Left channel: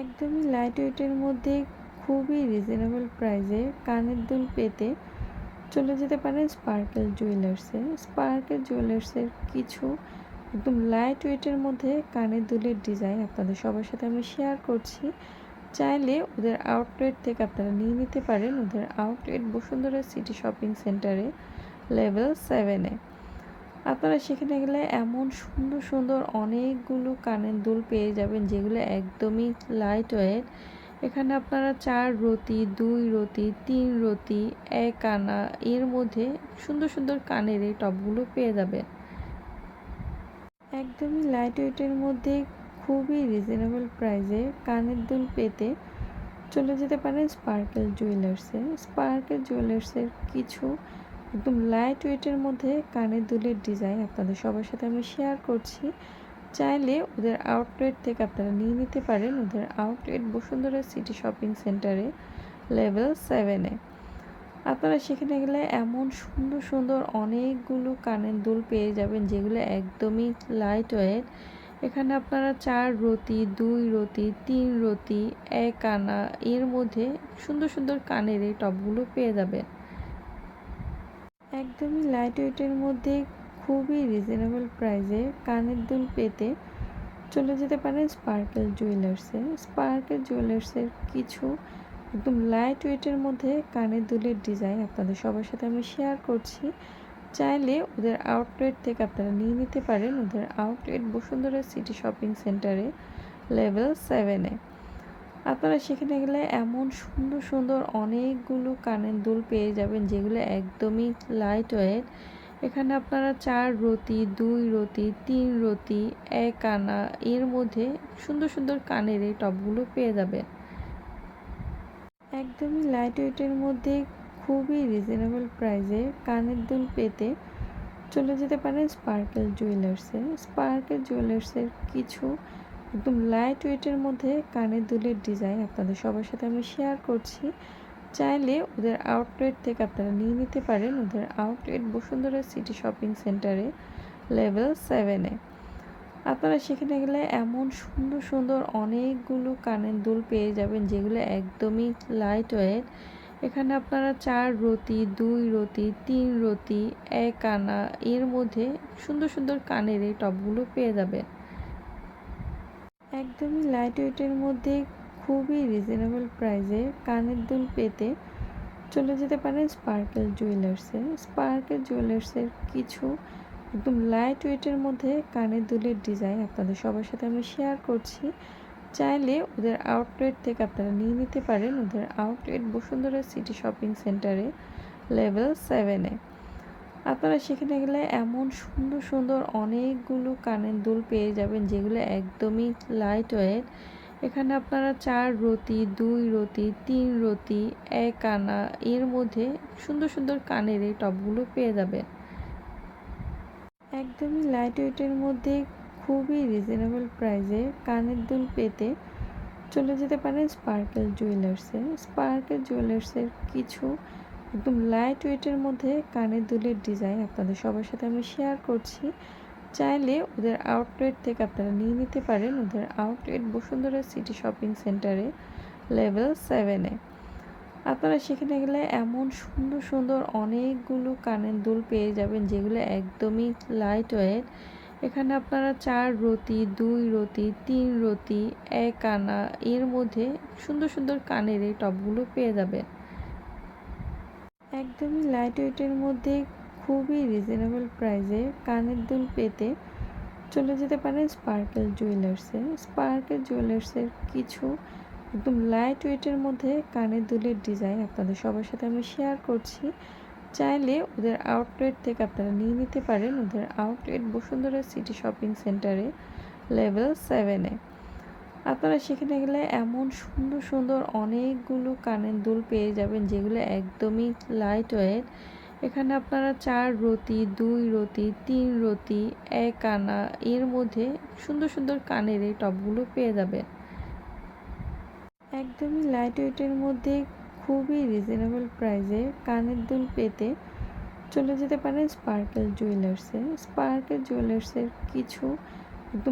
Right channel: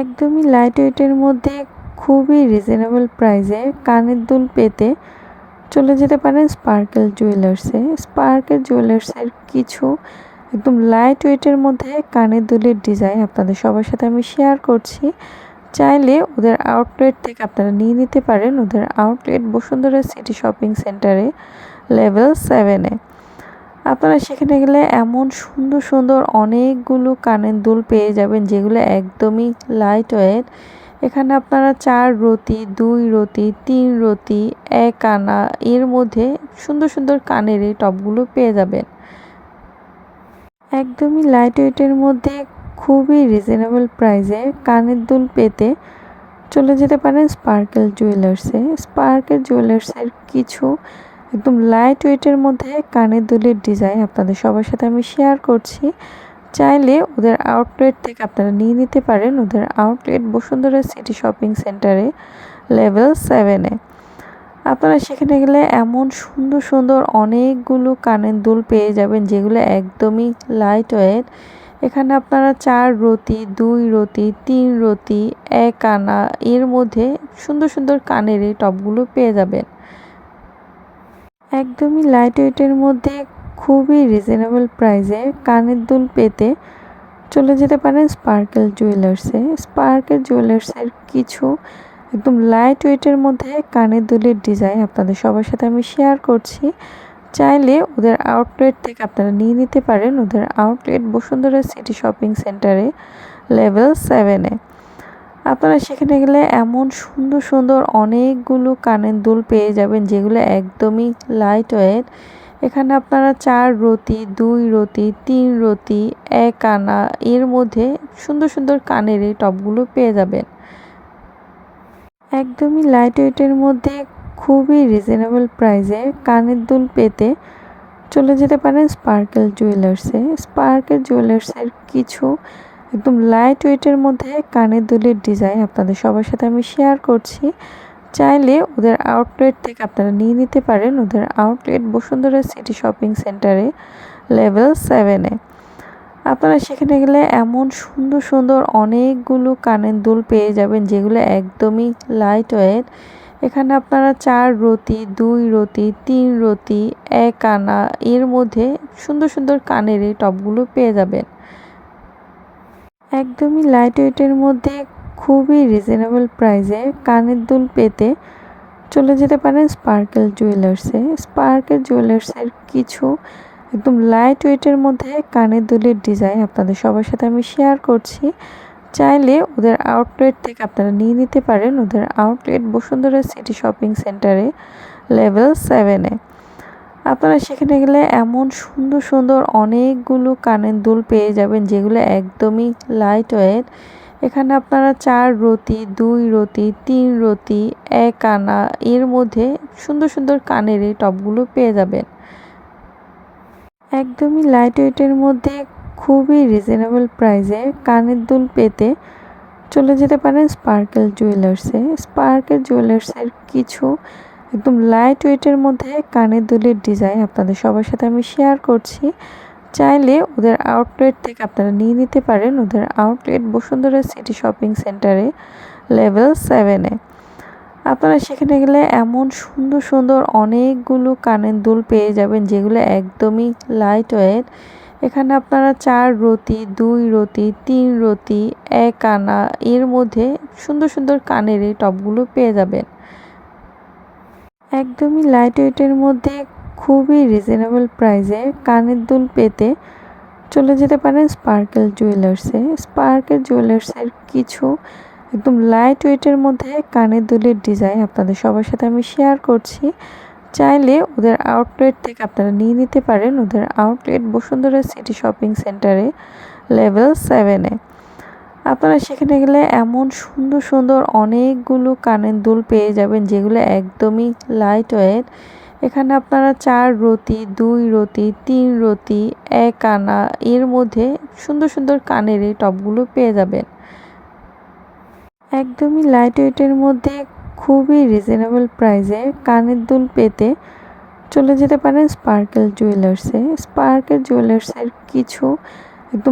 একদমই লাইট ওয়েটের মধ্যে খুবই রিজনেবল প্রাইসে কানের দুল পেতে চলে যেতে পারেন স্পার্কেল জুয়েলার্সে। স্পার্কেল জুয়েলার্সের কিছু একদম লাইট ওয়েটের মধ্যে কানের দুলের ডিজাইন আপনাদের সবার সাথে আমি শেয়ার করছি। চাইলে ওদের আউটলেট থেকে আপনারা নিয়ে নিতে পারেন। ওদের আউটলেট বসুন্ধরা সিটি শপিং সেন্টারে লেভেল 7-এ। আপনারা সেখানে গেলে এমন সুন্দর সুন্দর অনেকগুলো কানের দুল পেয়ে যাবেন যেগুলো একদমই লাইট ওয়েট। এখানে আপনারা 4 রতি, 2 রতি, 3 রতি, 1 আনা এর মধ্যে সুন্দর সুন্দর কানের এই টপগুলো পেয়ে যাবেন। একদমই লাইট ওয়েটের মধ্যে খুবই রিজনেবল প্রাইসে কানের দুল পেতে চলে যেতে পারেন স্পার্কেল জুয়েলার্সে। স্পার্কেল জুয়েলার্সের কিছু একদম লাইট ওয়েটের মধ্যে কানের দুলের ডিজাইন আপনাদের সবার সাথে আমি শেয়ার করছি। চাইলে ওদের আউটলেট থেকে আপনারা নিয়ে নিতে পারেন। ওদের আউটলেট বসুন্ধরা সিটি শপিং সেন্টারে লেভেল 7-এ। আপনারা সেখানে গেলে এমন সুন্দর সুন্দর অনেকগুলো কানের দুল পেয়ে যাবেন যেগুলো একদমই লাইট ওয়েট। এখানে আপনারা 4 রতি, 2 রতি, 3 রতি, 1 আনা এর মধ্যে সুন্দর সুন্দর কানের এই টপগুলো পেয়ে যাবেন। একদমই লাইট ওয়েটের মধ্যে খুবই রিজনেবল প্রাইসে কানের দুল পেতে চলে যেতে পারেন স্পার্কেল জুয়েলার্সে। স্পার্কেল জুয়েলার্সের কিছু একদম লাইট ওয়েটের মধ্যে কানের দুলের ডিজাইন আপনাদের সবার সাথে আমি শেয়ার করছি। চাইলে ওদের আউটলেট থেকে আপনারা নিয়ে নিতে পারেন। ওদের আউটলেট বসুন্ধরা সিটি শপিং সেন্টারে লেভেল 7-এ। আপনারা সেখানে গেলে এমন সুন্দর সুন্দর অনেকগুলো কানের দুল পেয়ে যাবেন যেগুলো একদমই লাইট ওয়েট। এখানে আপনারা 4 রতি, 2 রতি, 3 রতি, 1 আনা এর মধ্যে সুন্দর সুন্দর কানের এই টপগুলো পেয়ে যাবেন। একদমই লাইট ওয়েটের মধ্যে খুবই রিজনেবল প্রাইসে কানের দুল পেতে চলে যেতে পারেন স্পার্কেল জুয়েলার্সে। স্পার্কেল জুয়েলার্সের কিছু একদম লাইট ওয়েটের মধ্যে কানের দুলের ডিজাইন আপনাদের সবার সাথে আমি শেয়ার করছি। চাইলে ওদের আউটলেট থেকে আপনারা নিয়ে নিতে পারেন। ওদের আউটলেট বসুন্ধরা সিটি শপিং সেন্টারে লেভেল 7-এ। আপনারা সেখানে গেলে এমন সুন্দর সুন্দর অনেকগুলো কানের দুল পেয়ে যাবেন যেগুলো একদমই লাইট ওয়েট। এখানে আপনারা 4 রতি, 2 রতি, 3 রতি, 1 আনা এর মধ্যে সুন্দর সুন্দর কানের এই টপগুলো পেয়ে যাবেন। একদমই লাইট ওয়েটের মধ্যে খুবই রিজনেবল প্রাইসে কানের দুল পেতে চলে যেতে পারেন স্পার্কেল জুয়েলার্সে। স্পার্কেল জুয়েলার্সের কিছু একদম লাইট ওয়েটের মধ্যে কানের দুলের ডিজাইন আপনাদের সবার সাথে আমি শেয়ার করছি। চাইলে ওদের আউটলেট থেকে আপনারা নিয়ে নিতে পারেন। ওদের আউটলেট বসুন্ধরা সিটি শপিং সেন্টারে লেভেল 7-এ। আপনারা সেখানে গেলে এমন সুন্দর সুন্দর অনেকগুলো কানের দুল পেয়ে যাবেন যেগুলো একদমই লাইট ওয়েট। এখানে আপনারা 4 রতি, 2 রতি, 3 রতি, 1 আনা এর মধ্যে সুন্দর সুন্দর কানের এই টপগুলো পেয়ে যাবেন। একদমই লাইট ওয়েটের মধ্যে খুবই রিজনেবল প্রাইসে কানের দুল পেতে চলে যেতে পারেন স্পার্কেল জুয়েলার্সে। স্পার্কেল জুয়েলার্সের কিছু একদম লাইট ওয়েটের মধ্যে কানের দুলের ডিজাইন আপনাদের সবার সাথে আমি শেয়ার করছি। চাইলে ওদের আউটলেট থেকে আপনারা নিয়ে নিতে পারেন। ওদের আউটলেট বসুন্ধরা সিটি শপিং সেন্টারে লেভেল 7-এ। আপনারা সেখানে গেলে এমন সুন্দর সুন্দর অনেকগুলো কানের দুল পেয়ে যাবেন যেগুলো একদমই লাইট ওয়েট। এখানে আপনারা 4 রতি, 2 রতি, 3 রতি, 1 আনা এর মধ্যে সুন্দর সুন্দর কানের এই টপগুলো পেয়ে যাবেন। একদমই লাইট ওয়েটের মধ্যে খুবই রিজনেবল প্রাইসে কানের দুল পেতে চলে যেতে পারেন স্পার্কেল জুয়েলার্সে। স্পার্কেল জুয়েলার্সের কিছু একদম লাইট ওয়েটের মধ্যে কানের দুলের ডিজাইন আপনাদের সবার সাথে আমি শেয়ার করছি। চাইলে ওদের আউটলেট থেকে আপনারা নিয়ে নিতে পারেন। ওদের আউটলেট বসুন্ধরা সিটি শপিং সেন্টারে লেভেল 7-এ। আপনারা সেখানে গেলে এমন সুন্দর সুন্দর অনেকগুলো কানের দুল পেয়ে যাবেন যেগুলো একদমই লাইট ওয়েট। এখানে আপনারা 4 রতি, 2 রতি, 3 রতি, 1 আনা এর মধ্যে সুন্দর সুন্দর কানের এই টপগুলো পেয়ে যাবেন। একদমই লাইট ওয়েটের মধ্যে খুবই রিজনেবল প্রাইসে কানের দুল পেতে চলে যেতে পারেন স্পার্কেল জুয়েলার্সে। স্পার্কেল জুয়েলার্সের কিছু একদম